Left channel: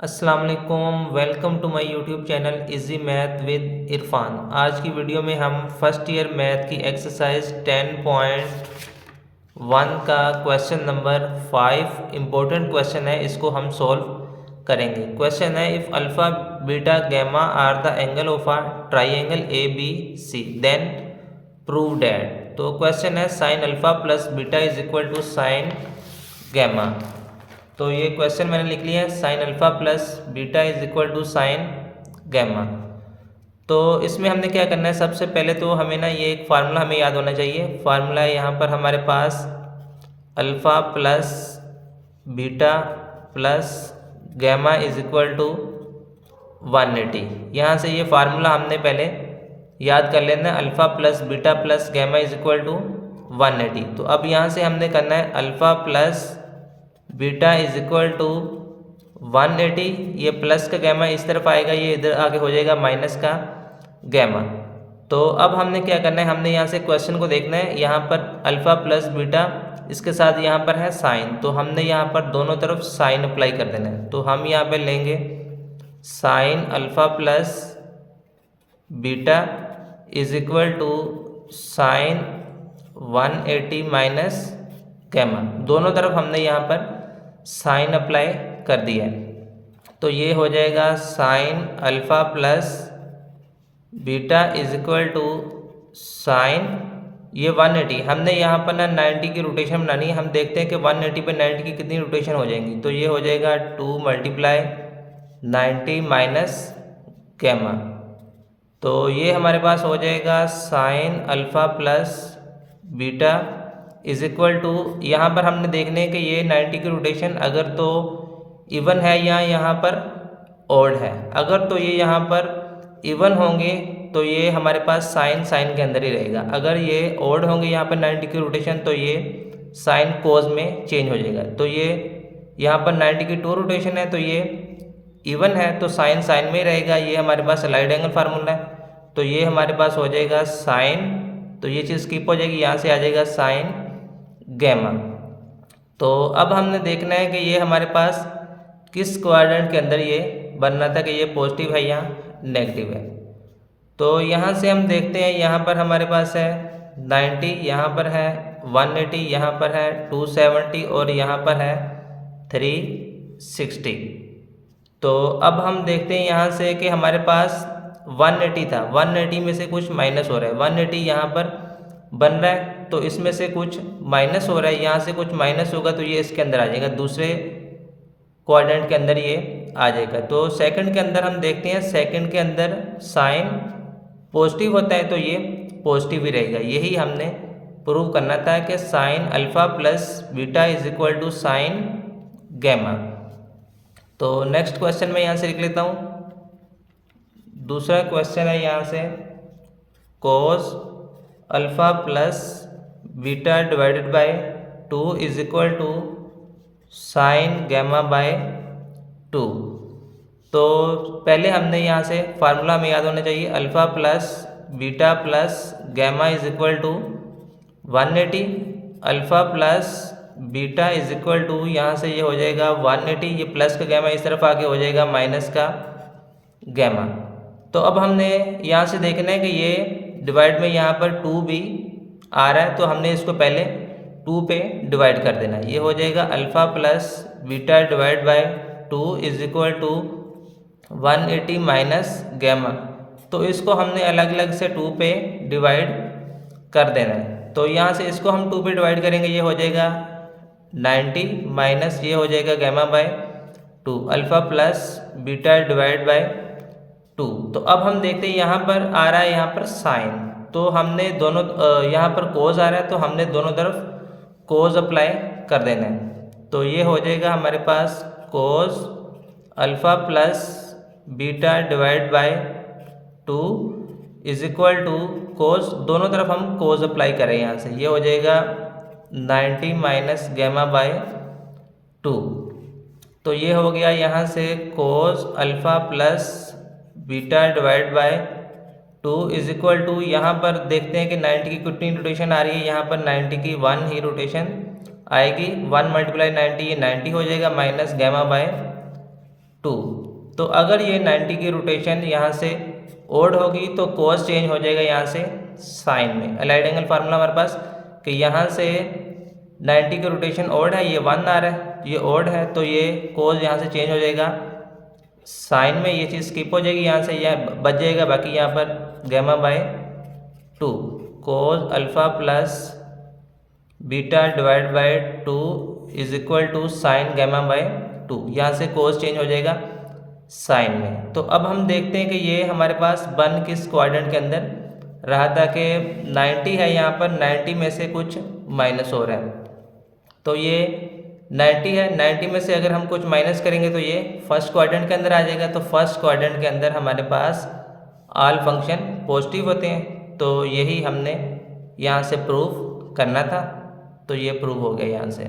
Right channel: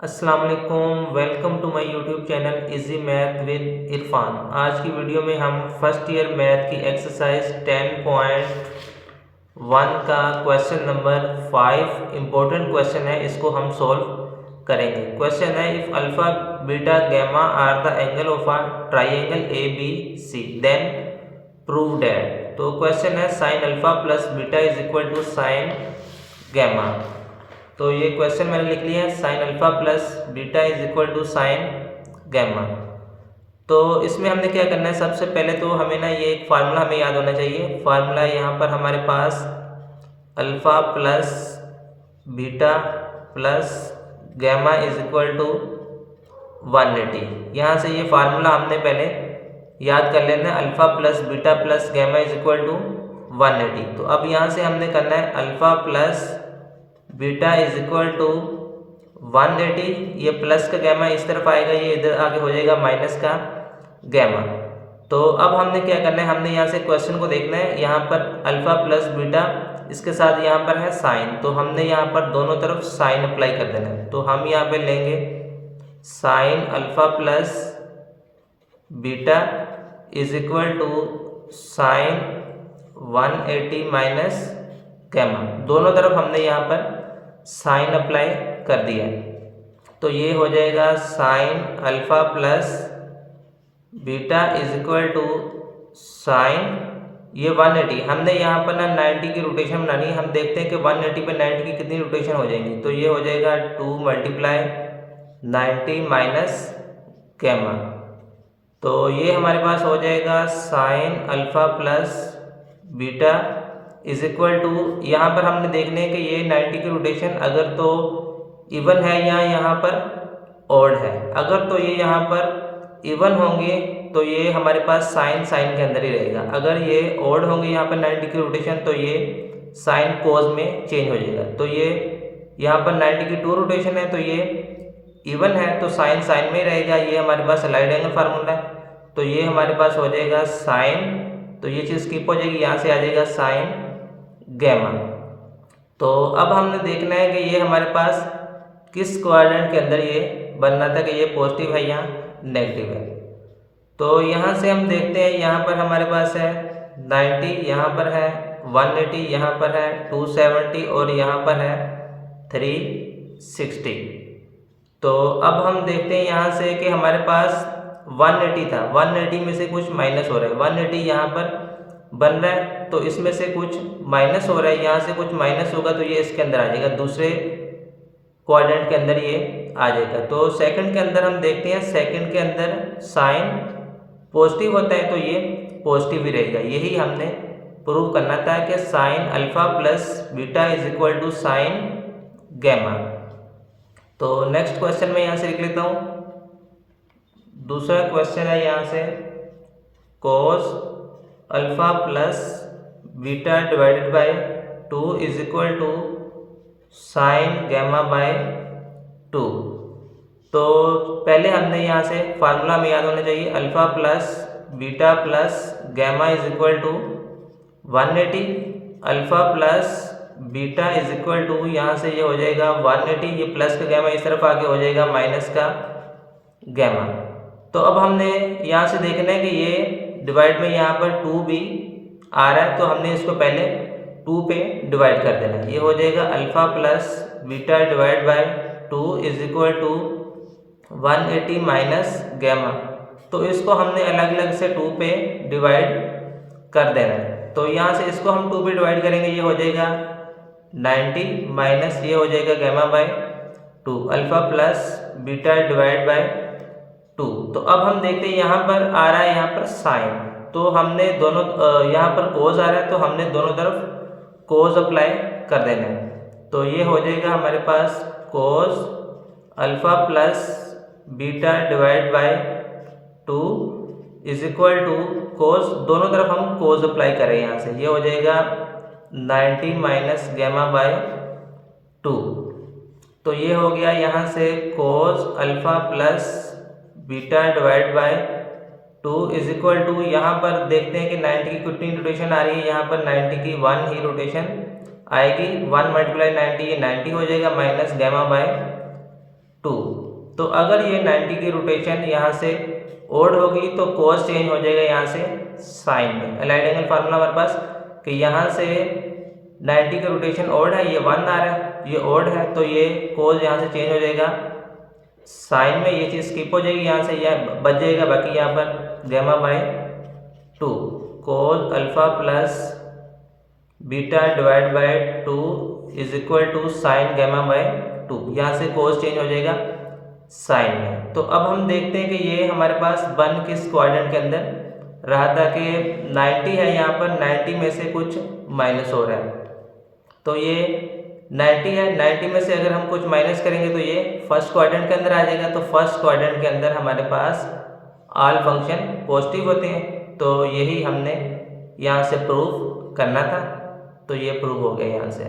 अस्सलाम वालेकुम, welcome to my YouTube channel easy math with Irfan. आज की वीडियो में हम फर्स्ट ईयर मैथ की एक्सरसाइज 10.1 का क्वेश्चन नंबर 5 इम्पोर्टेंट क्वेश्चन है, इसको हम सॉल्व करेंगे। क्वेश्चन है if alpha beta gamma are the angle of a triangle A B C then prove that. तो क्वेश्चन है sine alpha plus beta is equal to sine gamma. तो ये question मैंने लिख लिया है, sine alpha plus beta is equal to sine gamma. तो इसमें हमने क्या करना है, सबसे पहले तो हमें ना ये एक फार्मूला हमें याद होना चाहिए। फार्मूला यहाँ पर हमारे पास alpha plus beta plus gamma is equal to 180। यहाँ से ये फार्मूला हमने पहले याद कर लेना है, alpha plus beta plus gamma is equal to 180। तो अब यहाँ से हमने करना है alpha plus beta is equal to 180, ये प्लस का गैमा इस तरफ आएगा, ये इधर आगे हो जाएगा माइनस का गैमा। तो अब हमने क्या करना है, हमने यहाँ से क्वेश्चन को देखना है। यहाँ पर अल्फ़ा प्लस बीटा, इसके साथ यहाँ पर है साइन, तो हमने यहाँ पर दोनों तरफ साइन अप्लाई कर देना है। तो हम यहाँ पे लेंगे sine alpha plus beta is equal to sine 180 minus gamma. दोनों तरफ हमने यहाँ पर साइन अप्लाई कर दिया है। तो ये हो जाएगा sine alpha plus beta is equal to sine, ये 180, हमने यहाँ पर ना 90 की रोटेशन बनानी है। हम देखते हैं कि 180 पे 90 की कितनी रोटेशन हो जाएंगी। तो ये हो जाएगा 2 मल्टीप्लाई 90 माइनस गैमा। तो ये हमारे पास हो जाएगा sine alpha plus beta is equal to, यहाँ पर हमने देखने हैं कि ये 90 की रोटेशन अगर तो इवन है या यहाँ पर ऑड है। अगर तो ये यहाँ पर इवन होंगे तो ये हमारे पास साइन साइन के अंदर ही रहेगा। अगर ये ऑड होंगे यहाँ पर 90 की रोटेशन, तो ये साइन कोस में चेंज हो जाएगा। तो ये यहाँ पर 90 की 2 रोटेशन है, तो ये इवन है तो साइन साइन में ही रहेगा। ये हमारे पास राइट एंगल फार्मूला है, तो ये हमारे पास हो जाएगा साइन, तो ये चीज़ स्किप हो जाएगी, यहाँ से आ जाएगा साइन गैमा। तो अब हमने देखना है कि ये हमारे पास किस क्वाड्रेंट के अंदर ये बनना था, कि ये पॉजिटिव है या नेगेटिव है। तो यहाँ से हम देखते हैं, यहाँ पर हमारे पास है 90, यहाँ पर है 180, यहाँ पर है 270 और यहाँ पर है 360। तो अब हम देखते हैं यहाँ से कि हमारे पास 180 था, 180 में से कुछ माइनस हो रहा है। 180 यहाँ पर बन रहा है, तो इसमें से कुछ माइनस हो रहा है, यहाँ से कुछ माइनस होगा, तो ये इसके अंदर आ जाएगा, दूसरे क्वाड्रेंट के अंदर ये आ जाएगा। तो सेकंड के अंदर हम देखते हैं, सेकंड के अंदर साइन पॉजिटिव होता है, तो ये पॉजिटिव ही रहेगा। यही हमने प्रूव करना था कि sine alpha plus beta is equal to sine gamma. तो नेक्स्ट क्वेश्चन में यहाँ से लिख लेता हूँ। दूसरा क्वेश्चन है यहाँ से, cos alpha plus beta divided by 2 is equal to sine gamma by 2। तो पहले हमने यहाँ से फार्मूला में याद होना चाहिए, alpha plus beta plus gamma is equal to 180, alpha plus beta is equal to, यहाँ से ये हो जाएगा 180, ये प्लस का गैमा इस तरफ आके हो जाएगा माइनस का गैमा। तो अब हमने यहाँ से देखना है कि ये डिवाइड में यहाँ पर 2 भी आ रहा है, तो हमने इसको पहले 2 पे डिवाइड कर देना है। ये हो जाएगा alpha plus beta divide by 2 is equal to 180 minus gamma. तो इसको हमने अलग अलग से 2 पे डिवाइड कर देना है। तो यहाँ से इसको हम 2 पे डिवाइड करेंगे, ये हो जाएगा 90 माइनस ये हो जाएगा gamma by 2, alpha plus beta divide by 2। तो अब हम देखते हैं यहाँ पर आ रहा है, यहाँ पर साइन, तो हमने दोनों यहाँ पर कोस आ रहा है, तो हमने दोनों तरफ कोस अप्लाई कर देना है। तो ये हो जाएगा हमारे पास cos alpha plus beta divide by 2 is equal to cos, दोनों तरफ हम कोस अप्लाई करें यहाँ से, ये हो जाएगा 90 माइनस गैमा बाय 2। तो ये हो गया यहाँ से cos alpha plus beta divide by 2 is equal to, यहाँ पर देखते हैं कि 90 की कितनी रोटेशन आ रही है, यहाँ पर 90 की 1 ही रोटेशन आएगी, 1 मल्टीप्लाई 90 ये 90 हो जाएगा माइनस गैमा बाय 2। तो अगर ये 90 की रोटेशन यहाँ से ओड होगी तो कोस चेंज हो जाएगा यहाँ से साइन में। अलाइड एंगल फार्मूला हमारे पास कि यहाँ से 90 का रोटेशन ओड है, ये 1 आ रहा है, ये ओड है, तो ये कोस यहाँ से चेंज हो जाएगा साइन में, ये चीज़ स्किप हो जाएगी यहाँ से, यह बच जाएगा। बाकी यहाँ पर gamma by 2 cos alpha plus beta divide by 2 is equal to sine gamma by 2। यहाँ से कोस चेंज हो जाएगा साइन में। तो अब हम देखते हैं कि ये हमारे पास 1 किस क्वाड्रेंट के अंदर रहा था कि 90 है, यहाँ पर 90 में से कुछ माइनस हो रहा है, तो ये 90 है, 90 में से अगर हम कुछ माइनस करेंगे तो ये फर्स्ट क्वाड्रेंट के अंदर आ जाएगा। तो फर्स्ट क्वाड्रेंट के अंदर हमारे पास ऑल फंक्शन पॉजिटिव होते हैं, तो यही हमने यहाँ से प्रूव करना था, तो ये प्रूव हो गया यहाँ से।